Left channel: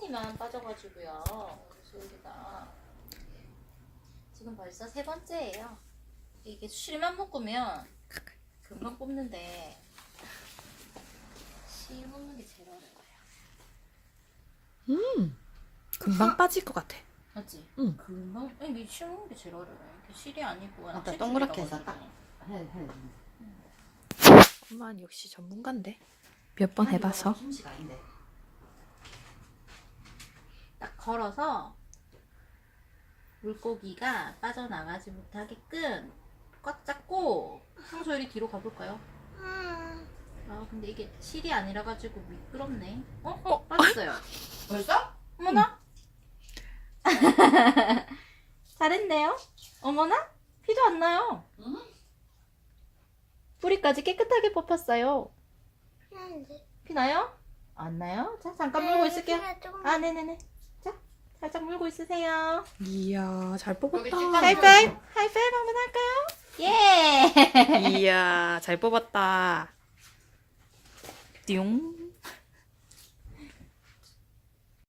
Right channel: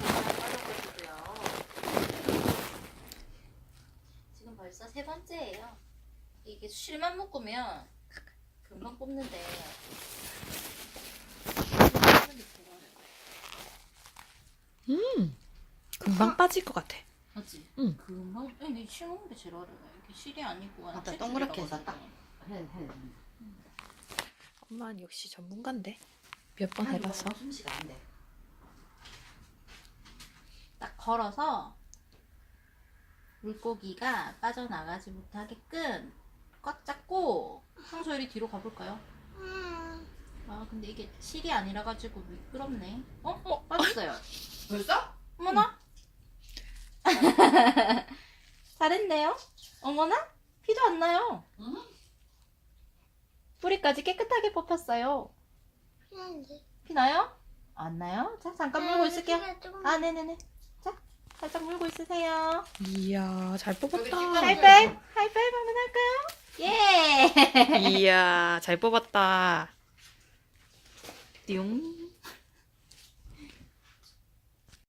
다 아래쪽만 빠져가지고요. 지금 벌써 세 번째예요. 이게 실만 묶으면 금방 뽑는데. 음, 금방 빠질 것 같아. 맞지? 응. 금방 이게 심는 게 제일 어려워요. 이게 실이 아니고 맞다, 동그랗게 해서. 해, 해. 엄마는 역시 전문가인데. 몇 번 해봐서. 숨쉬가 안 돼. 딱 걸어서 물고기가 빠져나가지 못하게끔 꽉 잡고 상소율이 뒤로 가볼까요? 아 근데 이게 실이 아니라 가지고 미끄럽네. 어? 어? 빠졌어요. 벌써? 어머나? 잘했네요. 어머나? 피도 안 나요. 응? 뿌리까지 깨끗하게 뽑혔어요. 피 나요? 안 나요? 자 잠깐 물고 있을게요. 아 네네네. 자 살짝 물고 있으세요. 이야, 잘 뽑았다. 하이파이브 하이파이브 한번 할까요? 예. 이야, 잘 뽑았다. 띠용.